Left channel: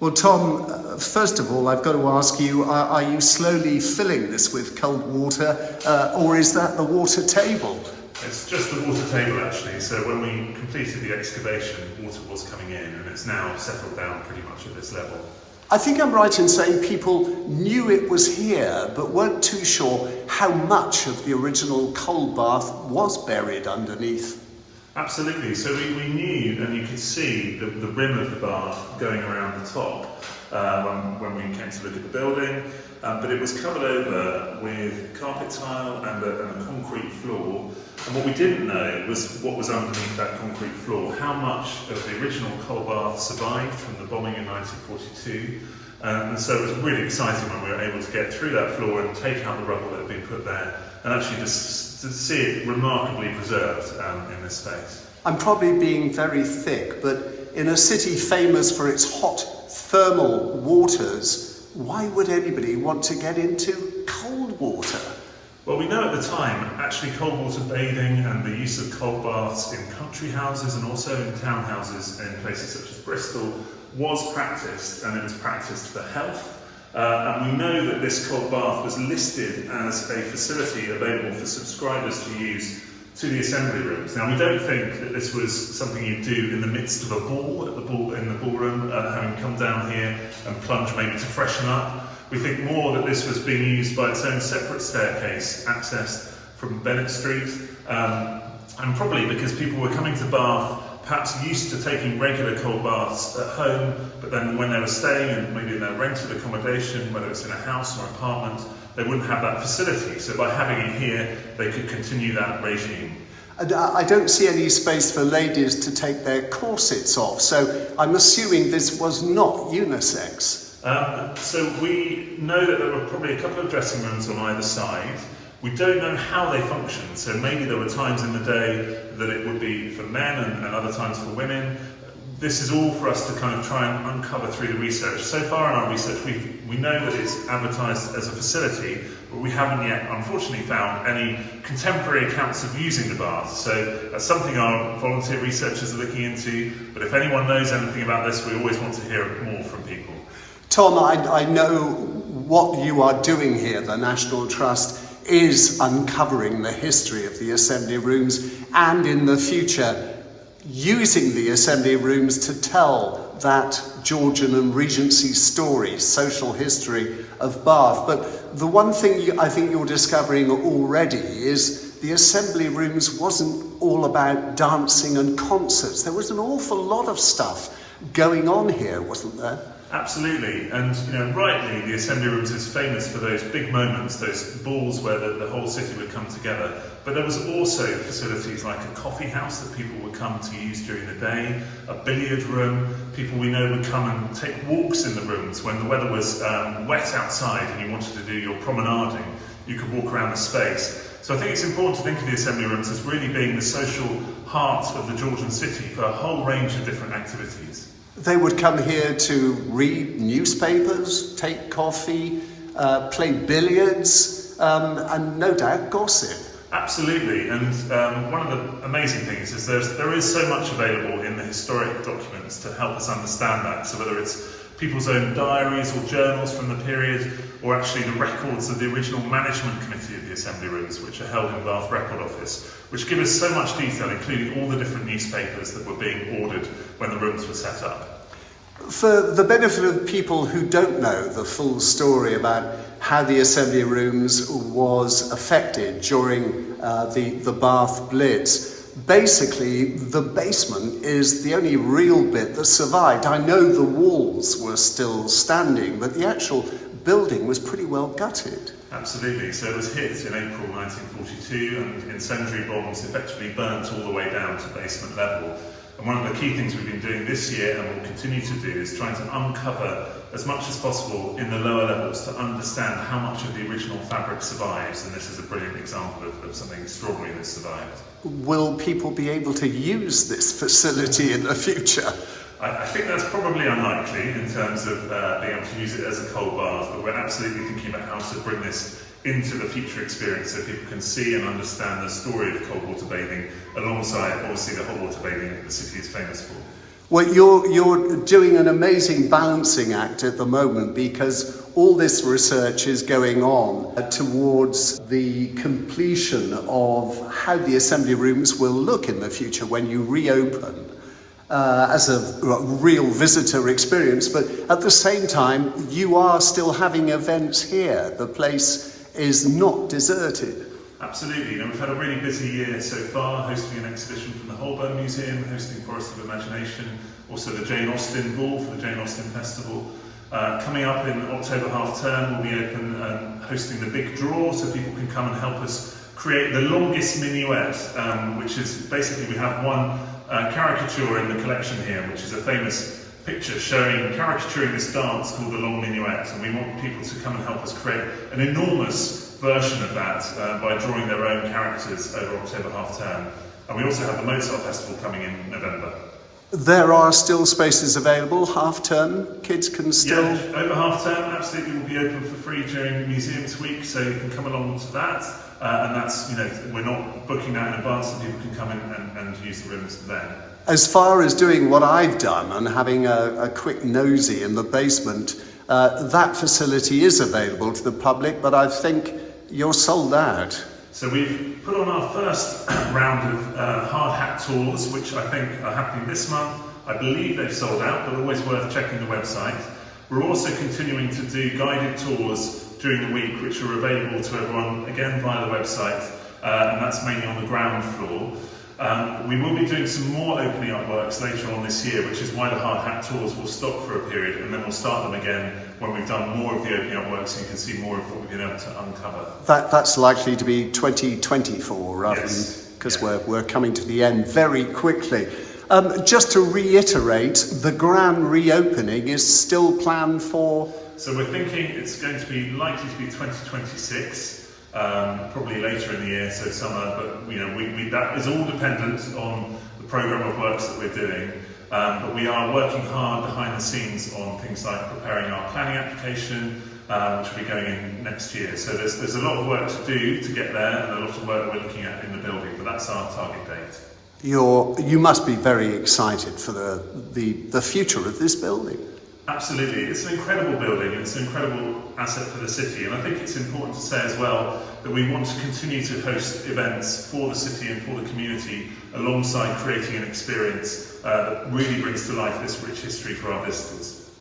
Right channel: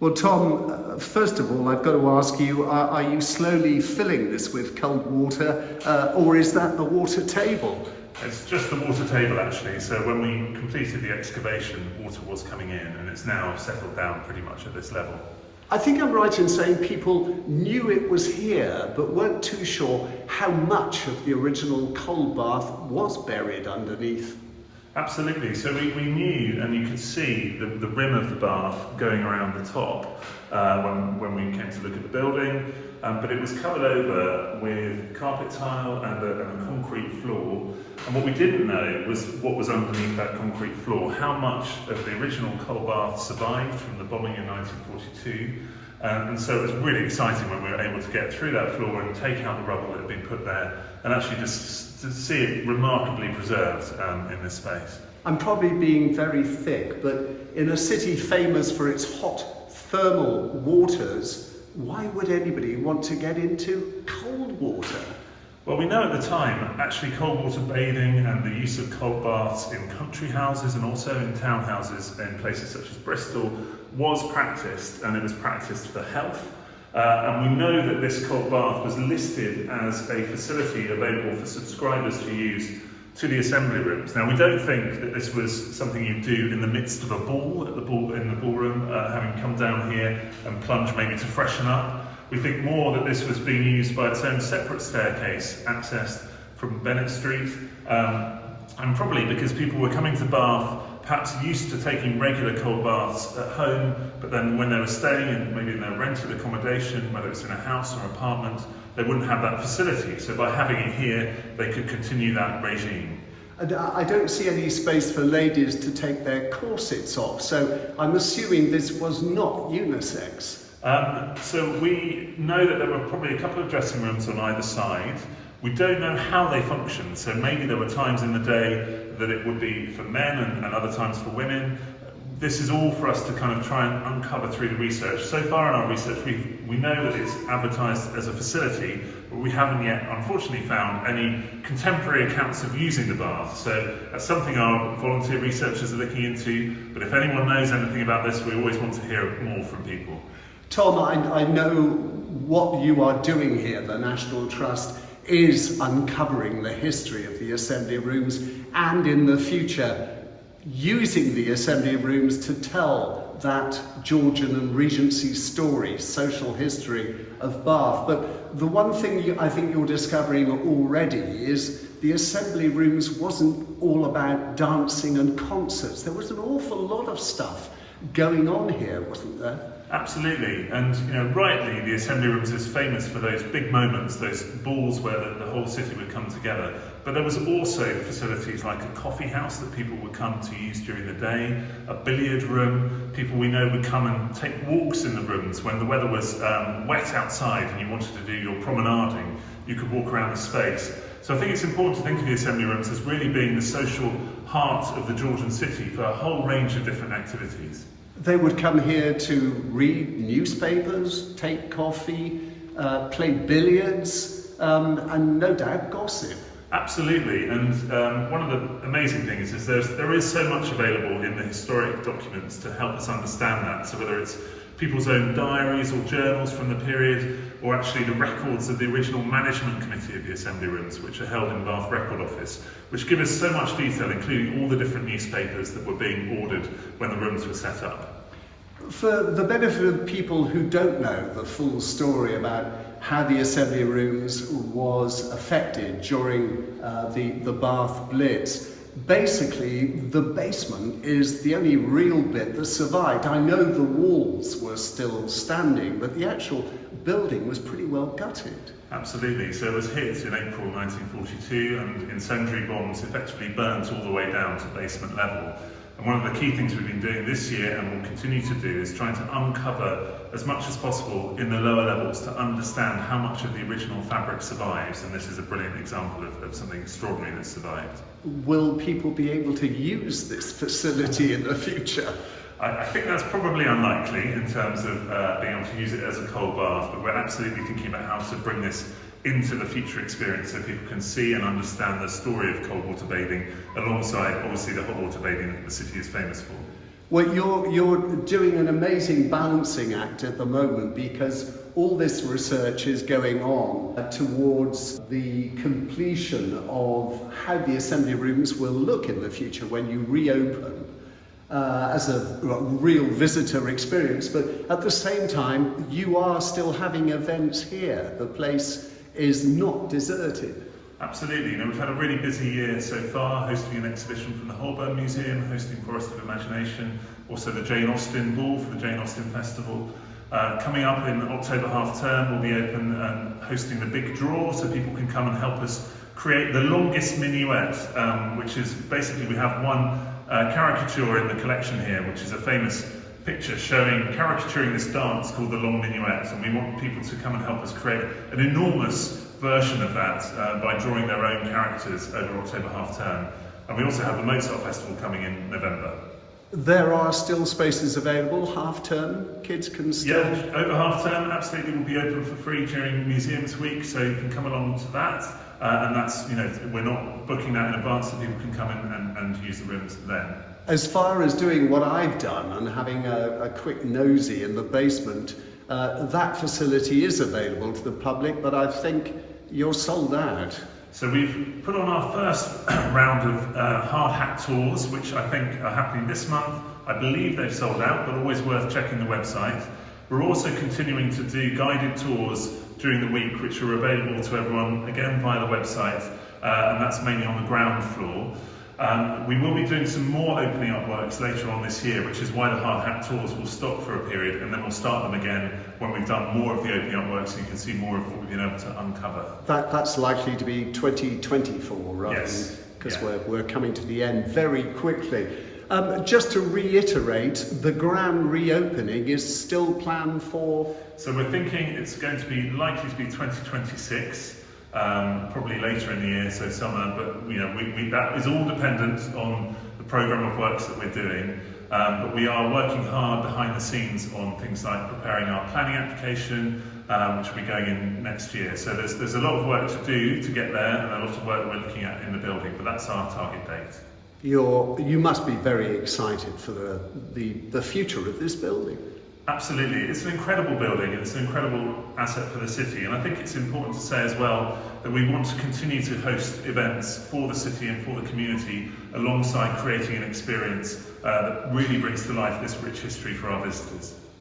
Well, Tom, first of all, I've got to ask you, are you slowly filling this with cold water, or is that the water table? It's just the water table actually, so when we completed the excavation, water was coming in and it's now settled down pretty much at this level. I think I'm right in saying people knew it was here, but weren't too sure how much of the original cold bath was buried underneath. Absolutely, so we knew, and you could see the rim of the bath going around the top when we came to look at the building, but it was covered over with carpet tile and a concrete floor, and what we didn't know was what was underneath that concrete floor, how much of the original coal bath survived from the bombing in 1942, and so it was really exciting when we were able to get through that floor and take out the rubble that had been put there, and actually just to see it remarkably preserved in this space. I'm probably being very thick, but in a city famous for its hot thermal waters, why would anybody want to get into cold water? Well, we know at the time, actually cold water bathing and the use of cold baths in country houses and also in townhouses in places such as Bristol was practiced, and it was practiced for health. And we know that this cold bath was listed as a facility available for subscribers to use to the assembly rooms. Now, we don't think that this was something you do in the midst of a ball in the ballroom, having come down here and plunge maybe to freshen up. We think more that this was being used by its own separate staircase, accessed from Bennett Street, and probably because people were coming to Bath perhaps used to taking regular cold baths at home, but then when they were staying in maybe in their rented accommodation, whether it's in a house or apartment, they wouldn't have that facility. So by having it here, they could continue that regime. And I don't see any space for ladies to take their corsets off, so I'm assuming this was not unisex. So we know that there were probably a couple of dressing rooms on either side. We don't know how they functioned, so maybe there were times in the day that it would be for men and other times for women. This is all for us to kind of try and uncover through the research. So far in our research, we know that it's advertised as a facility, but we haven't yet, unfortunately, found any contemporary accounts of using the bath. So that's something our volunteer researchers are looking into, but if anyone knows anything about this, we always want to hear more from people. Tom, I know what you are doing here, the National Trust, is uncovering the history of the assembly rooms and in the future using the assembly rooms to tell that Georgian and Regency story, social history of Bath. But the one thing I think you're discovering already is the assembly rooms wasn't all about dancing and concerts. There was an awful lot of stuff going on here, wasn't there? Absolutely, and rightly, the assembly rooms is famous for those big moments, those balls where the whole city would come together. But there was also facilities like a coffee house that people would come to use during the day, a billiard room. People we know would come and take walks in the rooms when the weather was wet outside and you wanted to do your promenading. You could walk around the space. So I think it's important to think of the assembly rooms as really being the social heart of the Georgian city for a whole range of different activities. They would come here to read newspapers, take coffee, play billiards, and no doubt gossip. Absolutely, and one of the amazing things is there is so much available in the historic documents to help us understand that. So whether it's people's own diaries or journals from the period, or actually the records of the original management committee of the assembly rooms, which are held in Bath Record Office, which give us so much detail, including all the different newspapers that were being ordered when the rooms were set up. For the benefit of people who don't know the full story about how the assembly rooms was affected during the Bath Blitz, basically the basement is the only real bit that survived. I know the walls were still standing, but the actual building was pretty well gutted. Absolutely, so it was hit in April 1942 and incendiary bombs effectively burnt all the way down to basement level. And one of the key things we've been doing this year and will continue to do is trying to uncover as much as possible in the lower levels to understand how much of the original fabric survives, and this is a brilliant example of something extraordinary that survived. Will people be able to use this facility in the future? I think that's probably unlikely in terms of being able to use it as a cold bath, but we're absolutely thinking about how to bring this into the future experience so people can see and understand the story of cold water bathing alongside obviously the hot water bathing that the city is famous for. Well, you're doing an amazing balancing act at the moment because all this research is going on towards the completion of how the assembly rooms will look in the future when you reopen as a real visitor experience. But at the same time, you are still having events here. The place is not deserted. Absolutely. We've had a really busy year so far, hosting an exhibition from the Boden Museum, hosting Forest of Imagination, also the Jane Austen Ball for the Jane Austen Festival. Coming up in October half term, we'll be open and hosting the Big Draw, so people can come and help us create the longest minuet, which is basically we have one caricature in the collection here, which is a famous picture caricaturing this dance called the Long Minuet, and we want people to come and help us create an enormous version of that by drawing their own characters over October half term. And we also have the Mozart Festival coming in November. There are still spaces available, half term, kids can still... Yeah, over half term, absolutely, will be open for free during Museums Week, so you can come along to that. And that's, we're not booking that in advance, so people can come in and use the rooms then. As far as doing what I've done and having a quick nosy in the basement, that facility is available to the public, but I think you're sold out. So we've put on our first round of hard hat tours, which I think are happening this month. I believe they've sold out, but always worth checking the website. We're also continuing to do guided tours during the week, which are available to everyone, again, via the website, and that's mainly on the ground floor. We will be doing some more opening up works later on this year, which is why the hard hat tours will stop for a period, and then we'll start them again when we've done more of the opening up works, so you can see more of what we've been able to uncover. That's likely to be 2024, rather yes. Because we're coming to the end very quickly. Just to reiterate, the grand reopening is still planned for... So we're thinking it's going to be likely to be 2026. Probably later in the year, so summer, but that is all dependent on the programme of works that we're doing. But we are working hard behind the scenes on things like preparing our planning application, which will be going in next year. So there's a lot of work to do to get there, and a lot of work that we're looking at in the building, but that's our target date. You must be very excited for the future of this building. Absolutely. It's an incredible building, and it's an incredible asset for the city. And I think it's important to say as well that we want to continue to host events for the city and for the community alongside creating an experience that really brings to life this rich history for our visitors.